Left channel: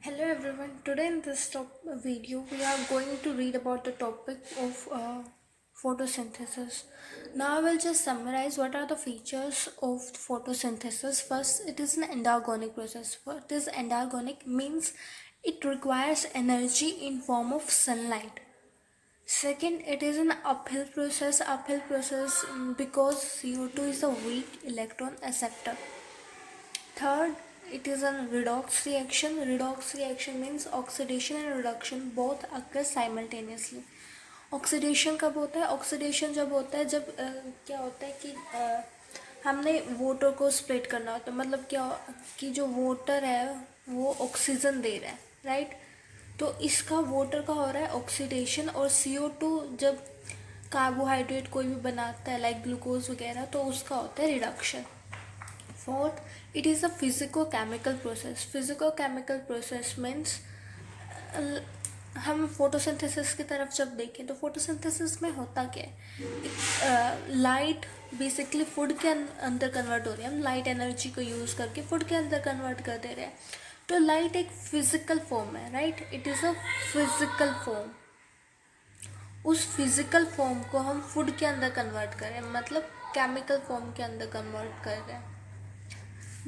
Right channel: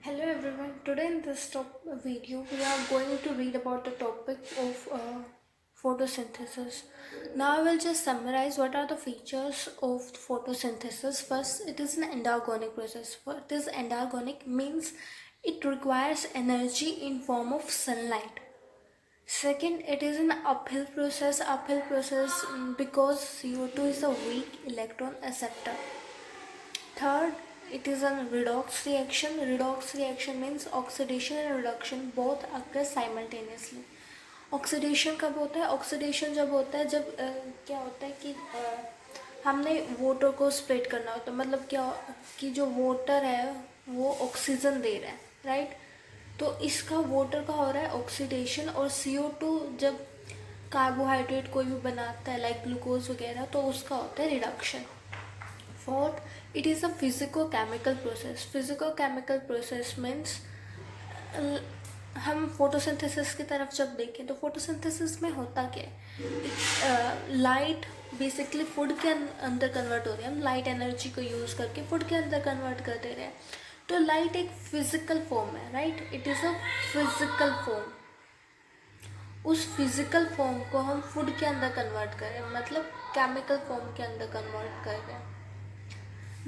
Hello everyone. Today in this video we are going to read about the topic of photosynthesis. Now I will just summarize what are the features of photosynthesis. First, it is an endargonic process. What is endargonic means it requires energy in form of sunlight. Second, it is an uphill process. Uphill process because CO2 is a weak electron acceptor. Third, it is a redox reaction. Redox reaction means oxidation and reduction both occur simultaneously. Oxidation कब होता है? Oxidation जब होता है जब क्या होता है कि हमने वोटर को स्प्लिट करना होता है, मतलब क्या कि जो वोटर है वो ऑक्सीजन दे रहा है, राइट? तो इसका वोटर का हो रहा है ऑक्सीडेशन, और CO2 जब कार्बोहाइड्रेट कोई भी बनाता है लाइक ग्लूकोज वगैरह तो उसका होता है reduction. Fourth, it is a physico-chemical process. Physico-chemical process means हम फोटोसिंथेसिस की तरफ जब देखें तो फोटोसिंथेसिस में होता क्या है? लाइट बेसिकली फूड के अंदर कन्वर्ट हो रही है. हम लाइट एनर्जी को यूज़ करके फूड के अंदर कन्वर्ट कर दे रहे हैं. तो लाइट एक फिजिकल फॉर्म है, right? It is a physical form. उस फिजिकल फॉर्म को हम फूड के अंदर कन्वर्ट कर रहे हैं, मतलब केमिकल फॉर्म के अंदर कन्वर्ट कर रहे हैं.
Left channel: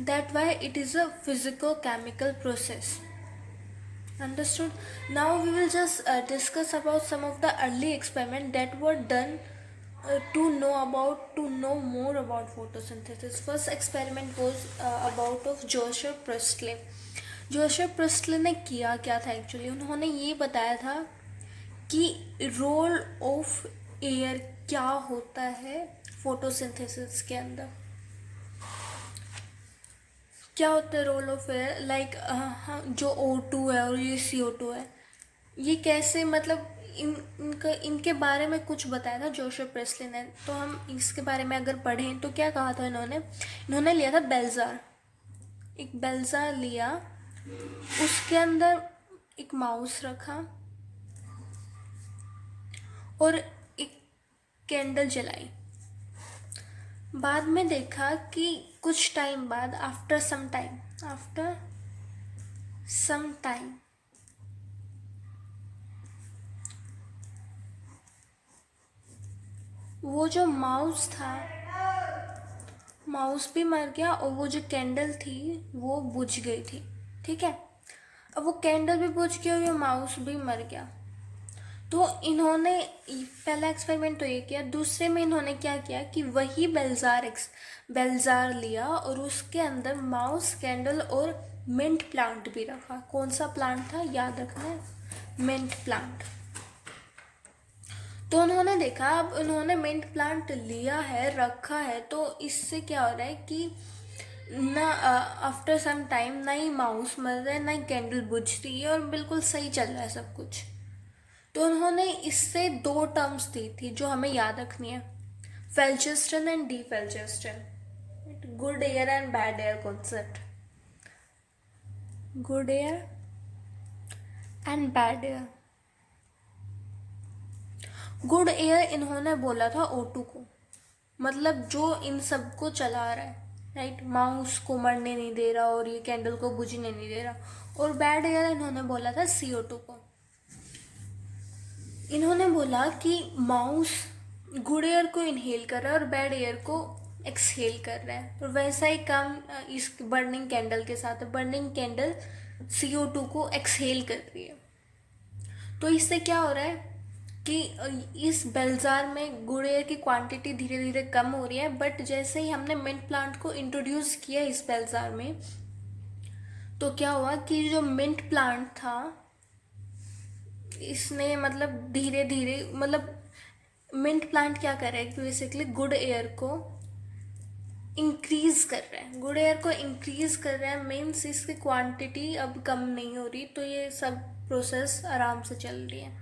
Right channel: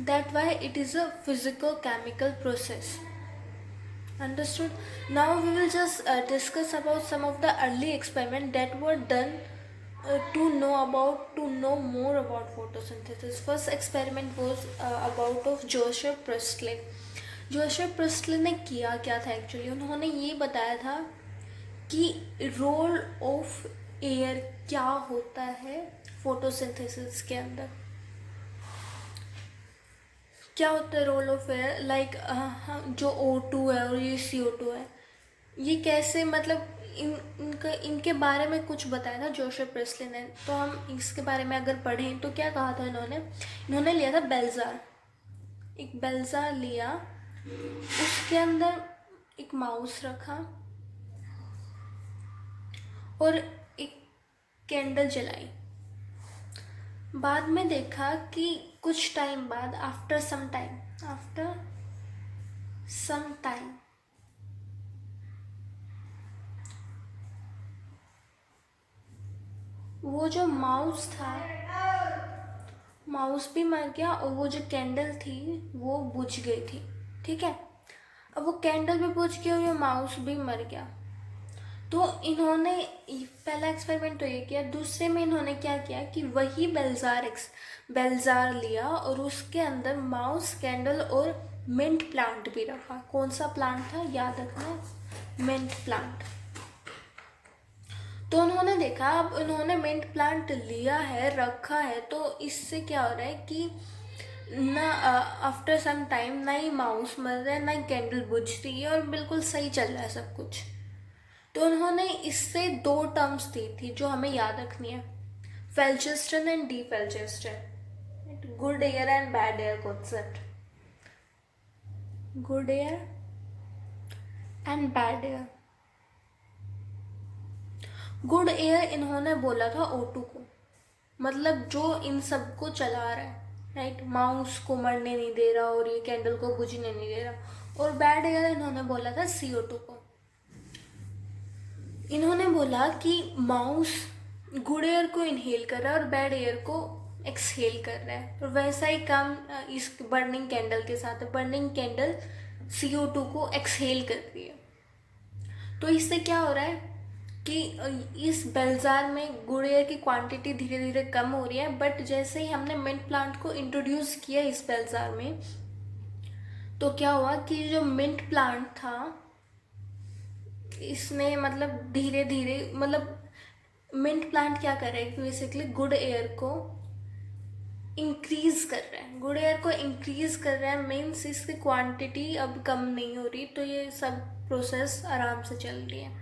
That why it is a physico-chemical process. Understood? Now we will just discuss about some of the early experiments that were done to know more about photosynthesis. First experiment was about of Joseph Priestley. Joseph Presley ने किया क्या था actually? उन्होंने ये बताया था कि role of air क्या होता है फोटोसिंथेसिस के अंदर. क्या होता है रोल ऑफ एयर? लाइक जो O2 है और ये CO2 है, ये कैसे, मतलब इनके बारे में कुछ बताया था जोसेफ प्रेस्ले ने. तो हम इसके बारे में अगर पढ़ें तो क्या कहा था इन्होंने लिया था बेलजार. एक बेलजार लिया, उसके अंदर एक माउस रखा और एक कैंडल जलाई. बाद में देखा कि कुछ टाइम बाद आफ्टर सम टाइम वो जो माउस था, माउस भी मर गया और वो जो कैंडल थी वो बुझ गई थी. ठीक है, अब वो कैंडल भी बुझ गई और ये माउस भी मर गया. तो इन्होंने पहला एक्सपेरिमेंट तो ये किया. दूसरे में इन्होंने क्या किया कि वही बेलजार लिया और उसके अंदर माउस, कैंडल और मिंट प्लांट भी रखा. कौन सा प्लांट था याद रखना, मिंट प्लांट. तो उन्होंने देखा, अब उन्होंने मिंट प्लांट लिया है, रखा है, तो इससे क्या हो रहा है कि ना आफ्टर सम टाइम ना ही माउस मर रहा है ना ही कैंडल बुझ रही है और बिल्कुल सही चल रहा है सब कुछ. तो उन्होंने इससे दो टर्म्स दी थी जो हमें याद रखनी है, phlogiston and dephlogiston. Good air and bad air concept. Good air and bad air. Good air इन्होंने बोला था O2 को, मतलब जो इन सबको चला रहा है, राइट? माउस को मरने नहीं दे रहा और ये कैंडल को बुझने नहीं दे रहा. और बैड एयर इन्होंने बोला था CO2 को. इन्होंने बोला कि माउस गुड एयर को इनहेल कर रहा है और बैड एयर को एक्सहेल कर रहा है. और वैसा ही काम इस बर्निंग कैंडल के साथ है. बर्निंग कैंडल CO2 को एक्सहेल कर रही है. तो इससे क्या हो रहा है कि इस बेलजार में गुड एयर की क्वांटिटी धीरे धीरे कम हो रही है. बट जैसे ही हमने मिंट प्लांट को इंट्रोड्यूस किया इस बेलजार में, तो क्या हुआ कि जो मिंट प्लांट था इसने मतलब धीरे धीरे, मतलब मिंट प्लांट क्या कर रहा है कि बेसिकली गुड एयर को इंक्रीज कर रहा है. गुड एयर को इंक्रीज कर रहा है मीन्स इसकी क्वांटिटी अब कम नहीं हो रही. तो ये सब प्रोसेस आराम से चल रही है.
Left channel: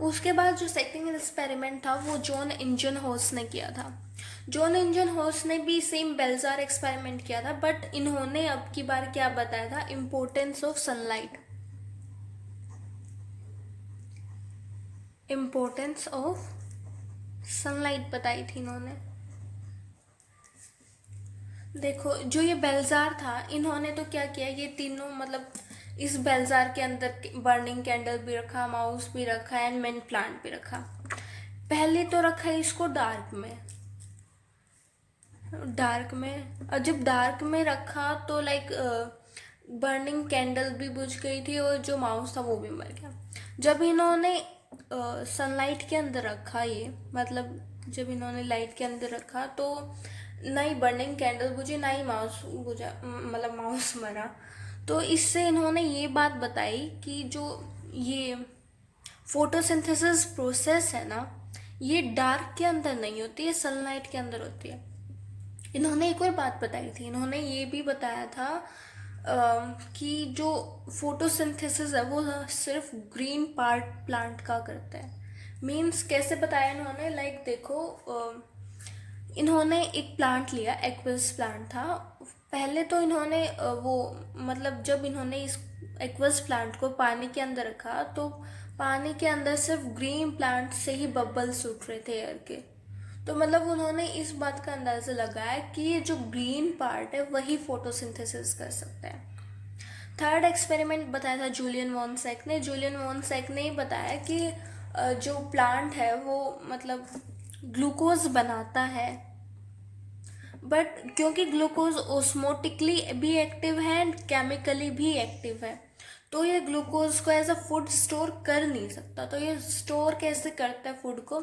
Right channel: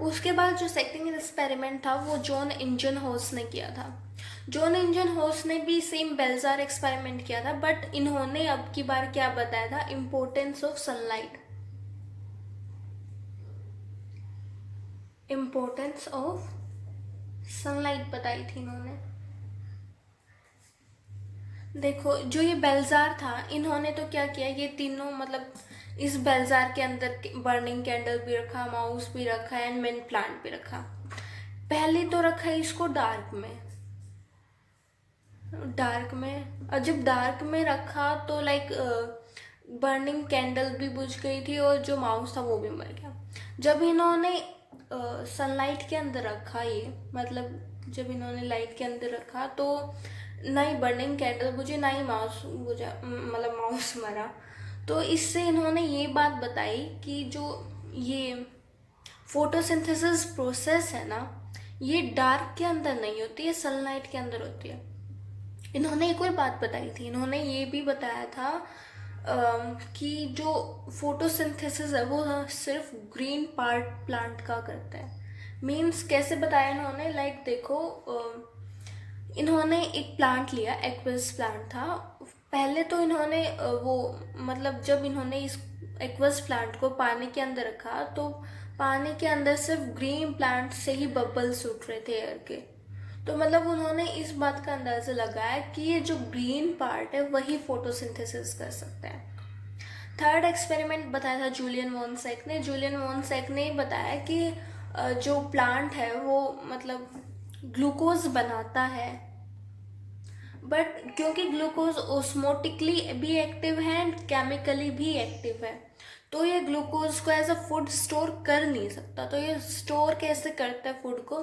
उसके बाद जो सेकंड एक्सपेरिमेंट था वो जॉन इंजनहोर्स ने किया था. जॉन इंजनहोर्स ने भी सेम बेलजार एक्सपेरिमेंट किया था, बट इन्होंने अब की बार क्या बताया था, importance of sunlight. Importance of sunlight बताई थी इन्होंने. देखो जो ये बेलजार था, इन्होंने तो क्या किया, ये तीनों मतलब इस बेलजार के अंदर बर्निंग कैंडल भी रखा, माउस भी रखा एंड मेन प्लांट भी रखा। पहले तो रखा इसको डार्क में, और जब डार्क में रखा तो लाइक बर्निंग कैंडल भी बुझ गई थी और जो माउस था वो भी मर गया। जब इन्होंने सनलाइट के अंदर रखा, ये मतलब जब इन्होंने लाइट के अंदर रखा तो ना ही बर्निंग कैंडल बुझी ना ही माउस बुझा, मतलब माउस मरा। तो इससे इन्होंने ये बात बताई कि जो ये फोटोसिंथेसिस प्रोसेस है ना, ये डार्क के अंदर नहीं होती है, सनलाइट के अंदर होती है। इन्होंने एक और बात बताई थी, इन्होंने ये भी बताया था कि जो फोटोसिंथेसिस है वो सिर्फ ग्रीन पार्ट प्लांट का करता है। मीन्स कैसे बताया इन्होंने, लाइक देखो, इन्होंने एक प्लांट लिया, एक्वस प्लांट था। पहले तो इन्होंने वो मतलब जब इन्होंने इस एक्वस प्लांट को पानी के अंदर रखा तो पानी के अंदर सिर्फ ग्रीन प्लांट से ही बबल्स उठ रहे थे एयर के। तो मतलब उन्होंने इस बात का अंदाजा लगाया कि ये जो ग्रीन पार्ट है वही फोटोसिंथेसिस कर सकता है। थर्ड एक्सपेरिमेंट बताया था जूलियन वॉनसैक ने। जूलियन वॉनसैक ने बताया कि जो प्लांट है वो मतलब ग्लूकोज बनाता है, बट क्योंकि ग्लूकोज ओस्मोटिकली भी एक्टिव है एंड केमिकली भी एक्टिव है, तो ये ग्लूकोज को एज अ फूड स्टोर कर नहीं सकता। तो ये स्टोर कैसे करता है फूड को?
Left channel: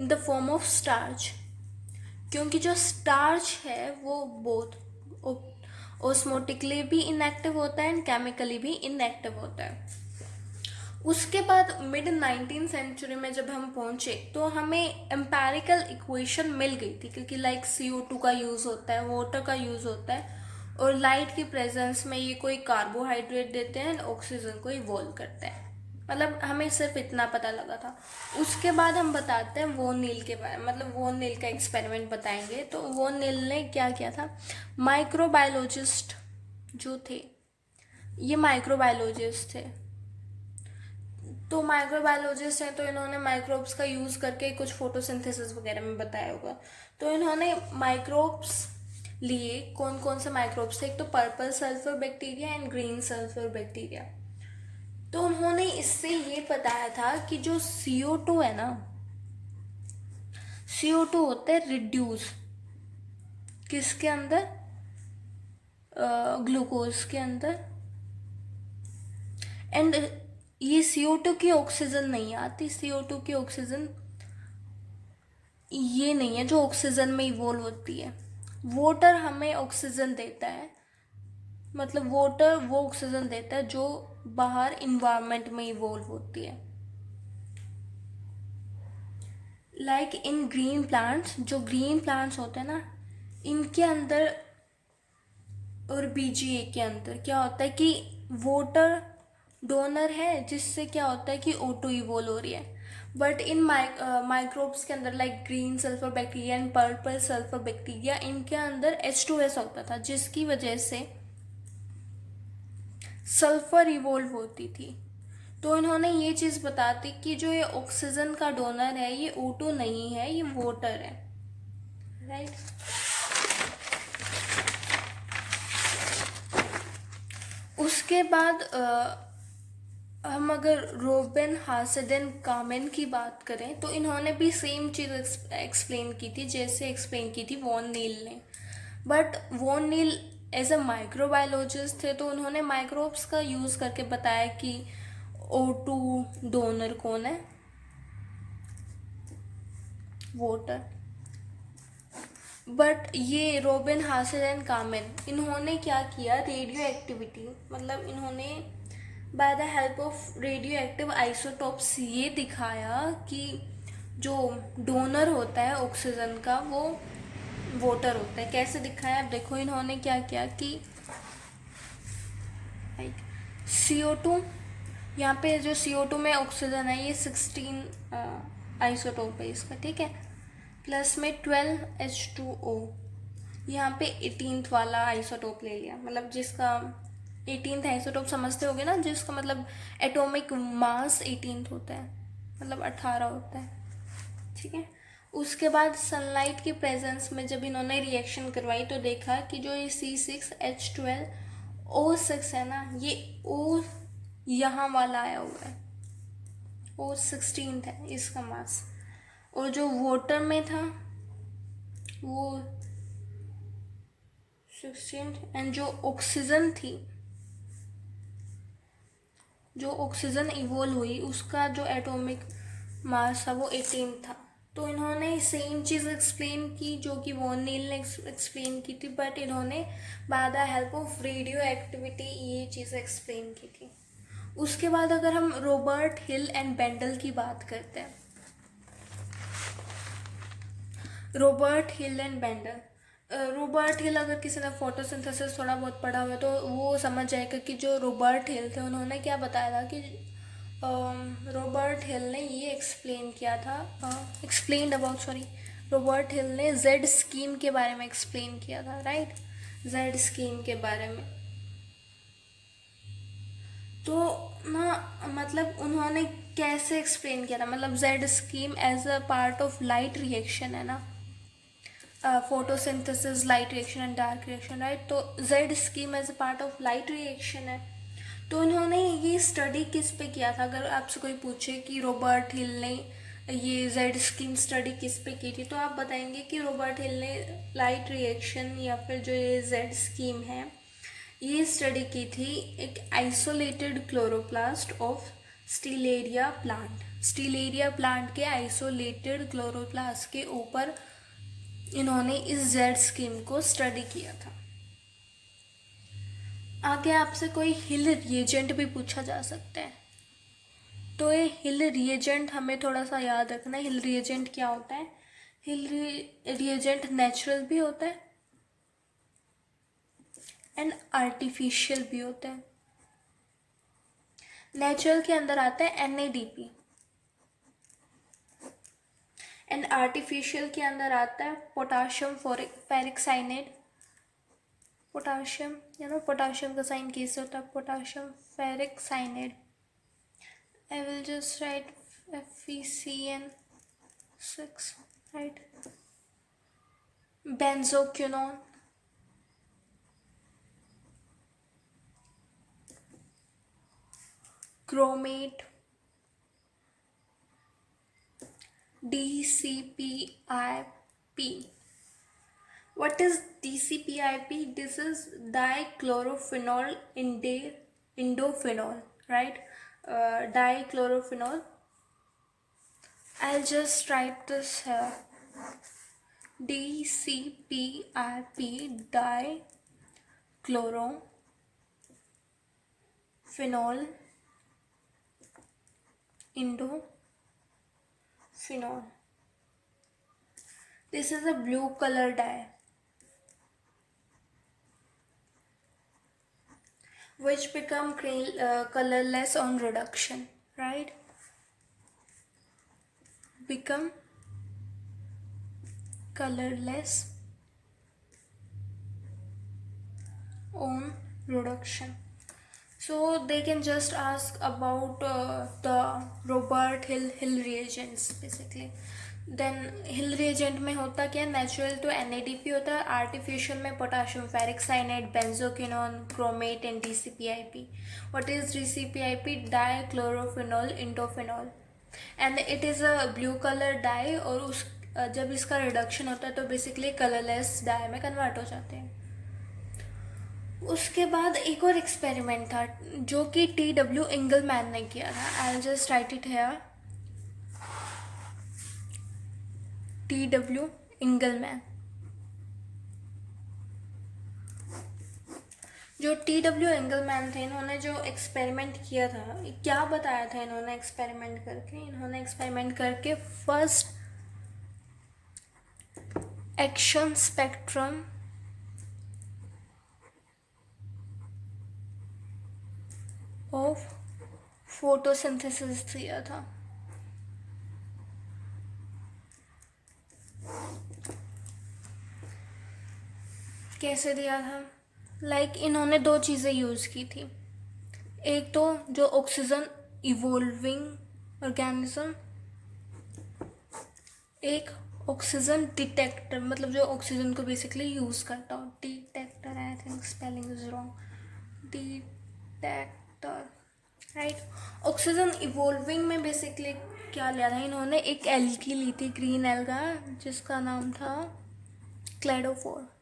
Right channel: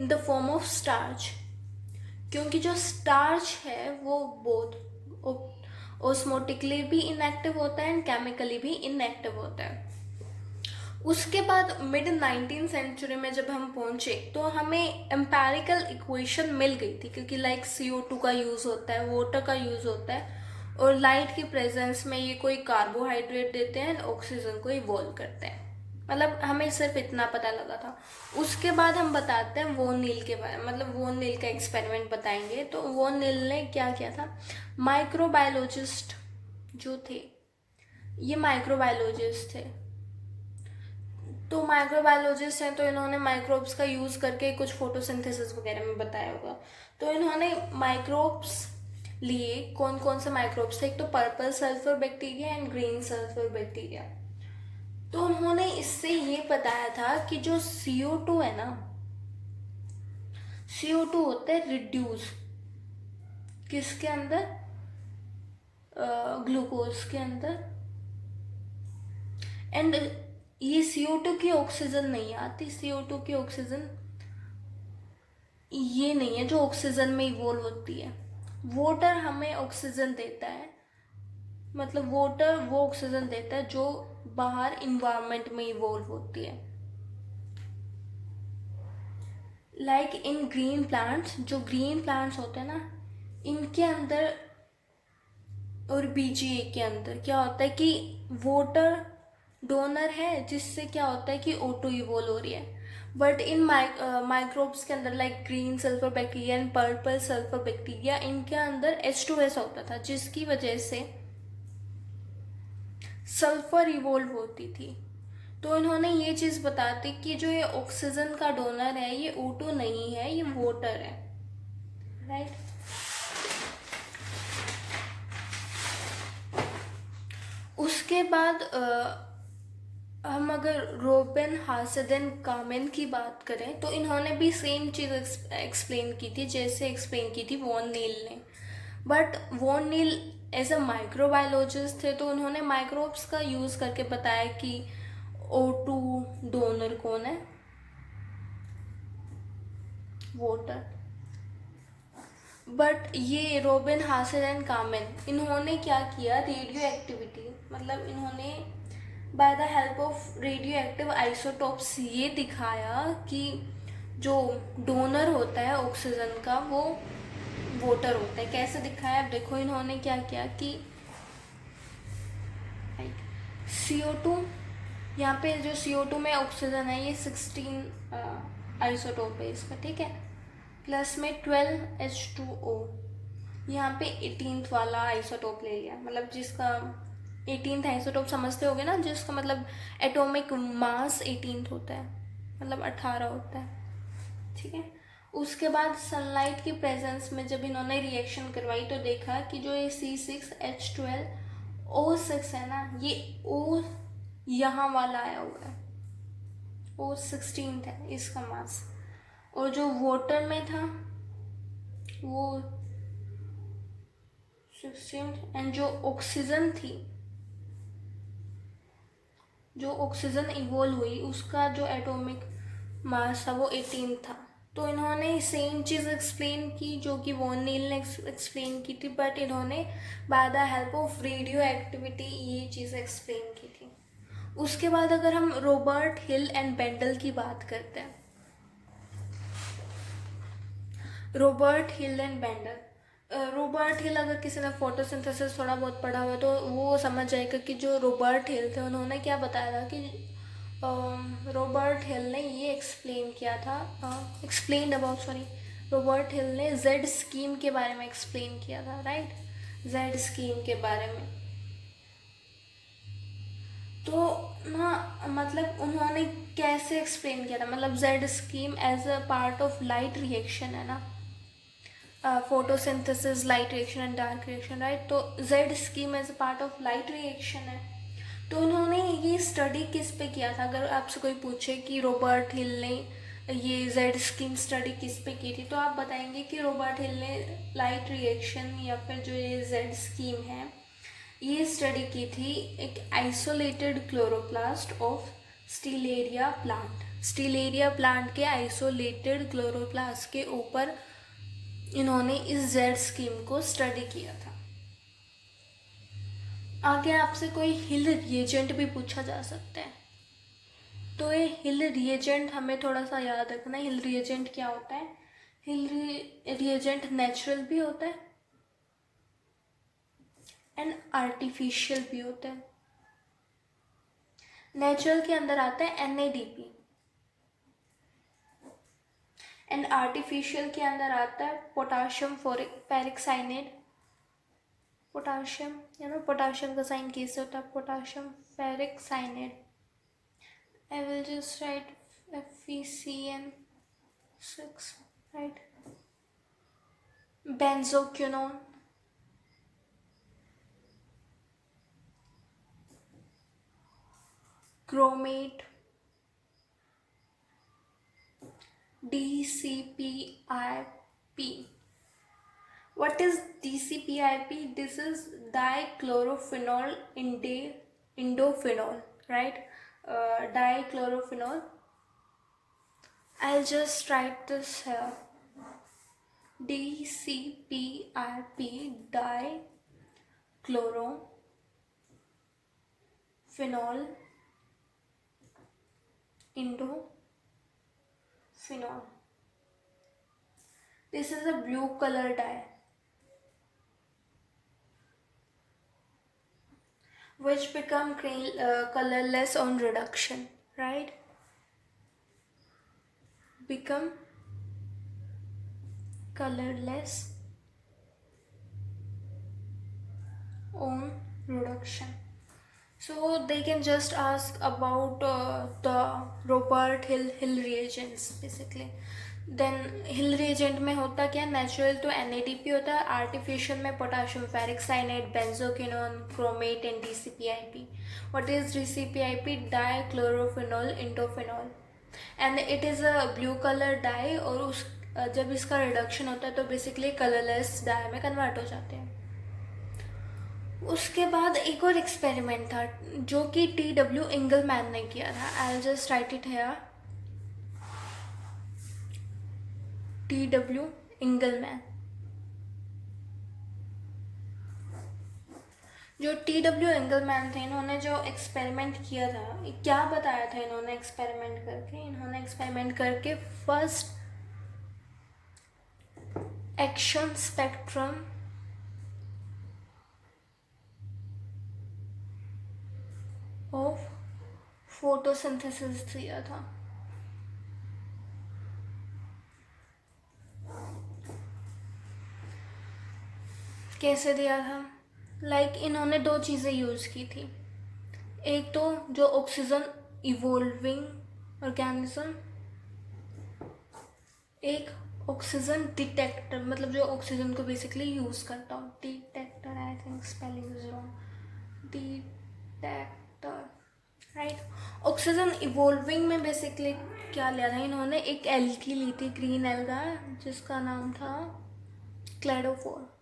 In the form of starch, क्योंकि जो स्टार्च है वो बोथ ओस्मोटिकली भी इनएक्टिव होता है एंड केमिकली भी इनएक्टिव होता है। उसके बाद मिड 19th सेंचुरी में जब हम पहुंचे तो हमें एम्पेरिकल इक्वेशन मिल गई थी, क्योंकि लाइक CO2 का यूज़ होता है, वाटर का यूज़ होता है, और लाइट की प्रेजेंस में ये कोई कार्बोहाइड्रेट देते हैं, ऑक्सीजन को इवॉल्व करते हैं। मतलब हमें सिर्फ इतना पता लगा था। उसके बाद हम बताते हैं वोन नील के बारे में, मतलब वोन नील का एक्सपेरिमेंट बताएंगे। तो वोन नील ने क्या किया था, माइक्रोबायोलॉजिस्ट जो थे, ये माइक्रोबायोलॉजिस्ट थे। तो माइक्रोबायोलॉजिस्ट हैं तो इन्होंने माइक्रोब्स का यूज़ करके कुछ फोटोसिंथेसिस वगैरह में बताया होगा। तो इन्होंने माइक्रोब्स लिए, कौन कौन से माइक्रोब्स थे, एक तो purple sulphur bacteria and green sulphur bacteria. तो उन्होंने इससे ये बताया था कि जो CO2 है ना, CO2 होता है रिड्यूस किसके अंदर, ग्लूकोज के अंदर। एंड ये CO2 की ऑक्सीजन नहीं आती, CO2 की ऑक्सीजन ये नहीं है जो ऑक्सीजन में इवोल्व होती है। वाटर हमें ऑक्सीजन देता है, मतलब वाटर वो ऑक्सीजन देता है जो बाहर इन्वायरमेंट में इवोल्व होती है। लाइक इन ग्रीन प्लांट्स, जो ग्रीन प्लांट्स होते हैं ना, इनके अंदर और BGA के अंदर क्या होता है कि वाटर डोनर है, जिससे क्या होता है कि O2 इवोल्व हो रही है। बट इन माइक्रोब्स के अंदर like green sulphur bacteria and purple sulphur bacteria, इनके अंदर H2S होता था, जिसकी वजह से सल्फर इवोल्व होती थी। तो इन्होंने ये चीज़ बताती कि जो ये ऑक्सीजन का डोनर है ये O2 नहीं है, ये वाटर है, राइट। उसके बाद हम अगर रोबेन हासेडन कामेन की बात करें तो इन्होंने भी सेम चीज़ एक्सप्लेन की थी जैसे एक्सप्लेन की थी वॉन नील ने। But van Niel as a microbiologist थे, तो उन्होंने माइक्रोब्स का यूज़ करके बताया कि O2 डोनर कौन है, वाटर। बट ये रोबिन हासेल एंड कामेन, इन्होंने क्या किया, रेडियो एक्टिविटी, मतलब इन्होंने by the help of radio active isotopes ये दिखाया कि जो डोनर होता है ऑक्सीजन का वो वाटर होता है। कैसे दिखाया, देखो इन्होंने क्या किया कि CO2, यहाँ पे जो CO2 में ऑक्सीजन है ये 16 आइसोटोप है इसका, ठीक है, प्लस में 12 H2O, यहाँ पे 18th वाला आइसोटोप ले लिया, मतलब जिसका 18th आइसोटोप समझते होगे ना, जिसका मतलब एटॉमिक मास 18th होता है, मतलब 18 होता है, ठीक है। उसके बाद सनलाइट की प्रेजेंस में जब इन्होंने रिएक्शन करवाई तो देखा कि जो ये C6H12 O6 है ना, ये O यहाँ वाला आया हुआ है, O16 है इसका मास, और जो वाटर में था वो 16, एंड जो ऑक्सीजन थी, जो ऑक्सीजन इवोल्व हुई उसका जो एटॉमिक मास था वो 18 था। तो इन्होंने सेम चीज़ एक्सप्लेन की जो कि वॉन नील ने एक्सप्लेन की थी, बट इन्होंने by the help of radio activity ये चीज़ एक्सप्लेन की थी। उसके बाद अगर हम रॉबर्ट हिल एंड बेंडल की बात करते हैं, Robert Hill and Bendall, Robert Hill, अगर किसी ने फोटोसिंथेसिस थोड़ा बहुत पढ़ा हुआ है तो वो समझ जाएगा कि जो रॉबर्ट हिल थे उन्होंने क्या बताया था कि रॉबर्ट हिल ने ये एक्सप्लेन किया था, एक्सप्लेन अबाउट, सॉरी, रॉबर्ट हिल ने जेड स्कीम के बारे में एक्सप्लेन किया था, राइट, जेड स्कीम के बारे में। तो ना मतलब उन्होंने कैसे एक्सप्लेन किया था, मतलब Z scheme as a part of light reaction है ना, photosynthesis, light reaction and dark reaction, right. तो Z scheme as a part of light reaction है। तो इन्होंने ये स्टडी किस पे किया था, अगर आपसे कोई पूछे कि रॉबर्ट हिल ने ये जेड स्कीम स्टडी किस पे की थी, तो आप बताएंगे कि रॉबर्ट हिल ने लाइट रिएक्शन या फिर जो ये जेड स्कीम है ये स्टडी की थी एक isolated chloroplast of Stellaria plant, Stellaria plant के आइसोलेटेड क्लोरोप्लास्ट के ऊपर इन्होंने इस जेड स्कीम को स्टडी किया था। आगे आपसे कोई हिल रिएजेंट भी पूछा जा सकता है, तो ये हिल रिएजेंट हमें थोड़ा सा याद रखना है। हिल रिएजेंट क्या होता है, हिल रिएजेंट नेचुरल भी होता है एंड आर्टिफिशियल भी होता है। नेचुरल के अंदर आता है NADP एंड आर्टिफिशियल के अंदर आता है पोटाशियम फेरिक साइनेट, पोटाशियम या ना, पोटाशियम का साइन कैसे होता है, potassium ferric cyanate, I will just write FeCN6, right, benzoquinone, chromate, DCPIP. What is DCPIP? This is dichlorophenol indophenol, right? Dichlorophenol. I'll just write this here. DCPIP, dichlorophenol indophenol. This is a blue color dye which become colorless on reduction, right? Become colorless on reduction. So they can just ask about the Robert Hill reagents basically. Then Hill reagent में होता क्या, natural तो NADP होता है, artificial में potassium ferric cyanate, benzoquinone, chromate and DCPIP. What is DCPIP? Dichlorophenol indophenol, and it is a blue colour dye, और उस जब इसका रिडक्शन होता है तो बेसिकली कलरलेस डाई में कन्वर्ट हो जाते हैं। उसके बाद एक और एक्सपेरिमेंट था जो कि TW इंगलमैन ने किया था। I just right it here, TW इंगलमैन। जो TW इंगलमैन थे, इन्होंने जो एक्सपेरिमेंट किया था, क्या बताया था इन्होंने एक्सपेरिमेंट करके, इन्होंने एक्सपेरिमेंट करके first action spectrum of photosynthesis दिया था। कैसे दिया था, लाइक इन्होंने दो चीज़ें यूज़ की थी। एक तो जो ऑक्सीजन इवोल्विंग ऑर्गेनिज्म, एक ऑक्सीजन डिटेक्टर, मतलब जो ऑक्सीजन को बेसिकली यूज़ करता हो, detector, I think spelling is wrong, detector, right. Oxygen evolving में बेसिकली क्या लिया था इन्होंने, एक एल्गी ली थी, ग्रीन एल्गा, जिसका नाम था क्लेडोफोर।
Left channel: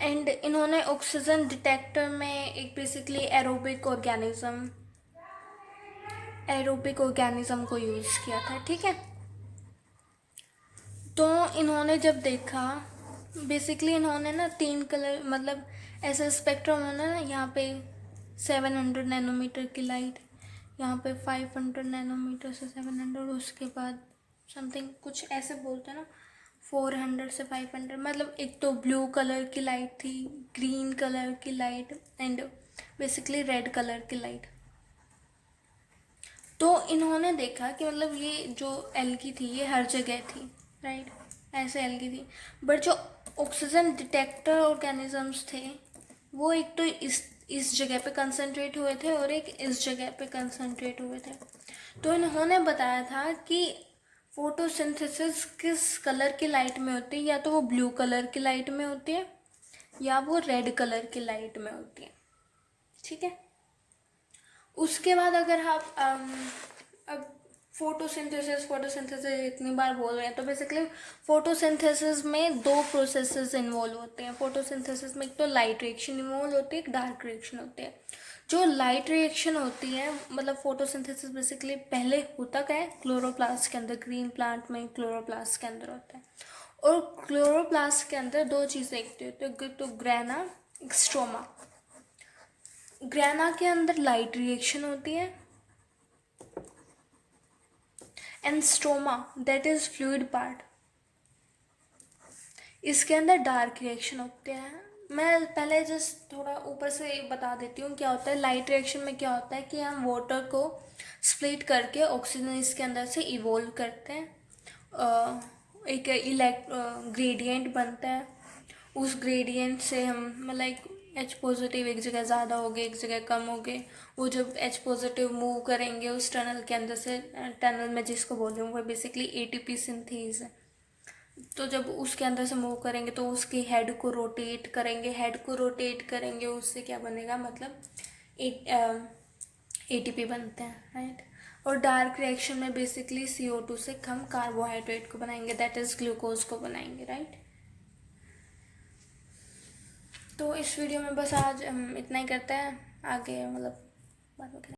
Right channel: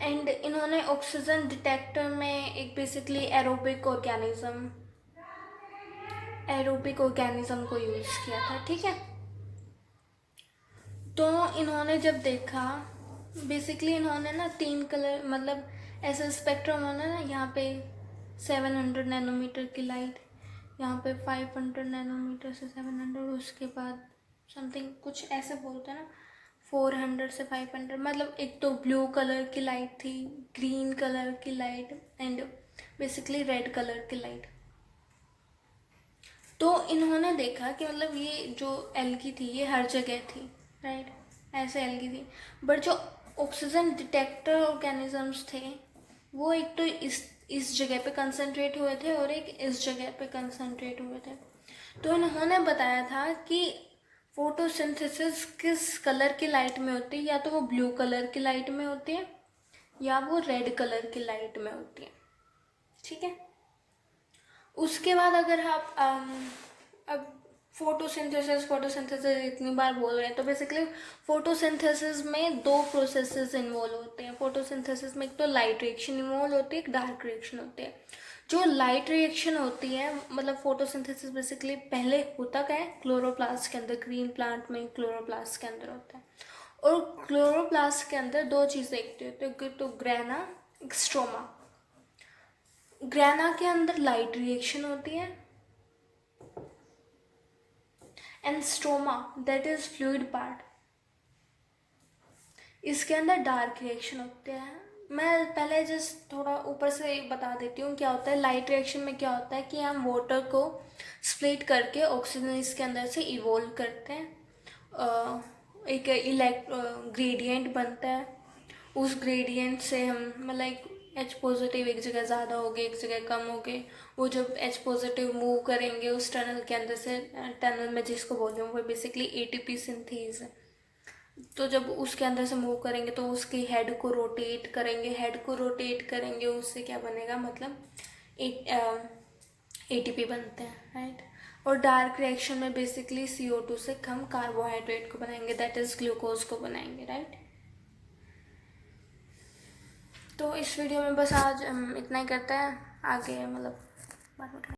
एंड इन्होंने ऑक्सीजन डिटेक्टर में एक बेसिकली एरोबिक ऑर्गेनिज्म को यूज़ किया था, ठीक है। तो इन्होंने जब देखा, बेसिकली इन्होंने ना 3 कलर, मतलब ऐसे स्पेक्ट्रम, उन्होंने ना यहाँ पे 700 नैनोमीटर की लाइट, यहाँ पे 500 नैनोमीटर से 700, उसके बाद समथिंग कुछ ऐसे बोलते हैं ना, 400 से 500, मतलब एक तो ब्लू कलर की लाइट थी, ग्रीन कलर की light and basically red colour की लाइट। तो इन्होंने देखा कि मतलब ये जो एल्गी थी ये हर जगह थी, राइट, ऐसे एल्गी थी, बट जो ऑक्सीजन डिटेक्टर ऑर्गेनिजम्स थे वो एक तो इस जगह पे कंसंट्रेट हुए थे और एक इस जगह पे कंसंट्रेट हुए थे। तो इन्होंने बताया था कि फोटोसिंथेसिस किस कलर की लाइट में होती है, या तो वो ब्लू कलर की लाइट में होती है या वो रेड कलर की लाइट में होती है, ठीक है। उसके बाद अगर आप अब फोटोसिंथेसिस इतनी बार बोल रहे हैं, तो बेसिकली फोटोसिंथेसिस में 2 प्रोसेसेस इन्वॉल्व होते हैं। फोटोसिंथेसिस में एक तो लाइट रिएक्शन इन्वॉल्व होती है, एक डार्क रिएक्शन होती है। जो लाइट रिएक्शन होती है, मतलब फोटोसिंथेसिस बेसिकली पहले होता क्या है, क्लोरोप्लास्ट के अंदर, ग्रीन प्लांट में क्लोरोप्लास्ट के अंदर होता है। और क्लोरोप्लास्ट के अंदर 2 चीज़ें होती है, तो ग्रेना, स्ट्रोमा। ग्रेना के अंदर लाइट रिएक्शन होती है and stroma, that is fluid part, इसके अंदर डार्क रिएक्शन होते हैं। मैं पहले जस्ट थोड़ा ऊपर से बता देती हूँ क्या होता है। लाइट रिएक्शन में क्या होता है कि हम वाटर को स्प्लिट करके ऑक्सीजन इसके अंदर से इवोल्व करते हैं, एक ग्रेडियंट बनता है, उस ग्रेडियंट से हम मतलब एच पॉजिटिव एक जगह ज़्यादा हो गए, एक जगह कम हो गए, वो जब एच पॉजिटिव मूव करेंगे उस टनल के अंदर से, टनल में जिसको बोल रही हूँ वो बेसिकली एटीपी सिंथेज है, तो जब उसके अंदर से मूव करेंगे तो उसके हेड को रोटेट करेंगे, उससे क्या बनेगा, मतलब एक एटीपी बनते हैं, राइट। और डार्क रिएक्शन में बेसिकली CO2 से हम कार्बोहाइड्रेट को बनाएंगे, दैट इज ग्लूकोज को बनाएंगे, राइट। तो इस वीडियो में बस आज इतना ही करते हैं, आगे मतलब बाद में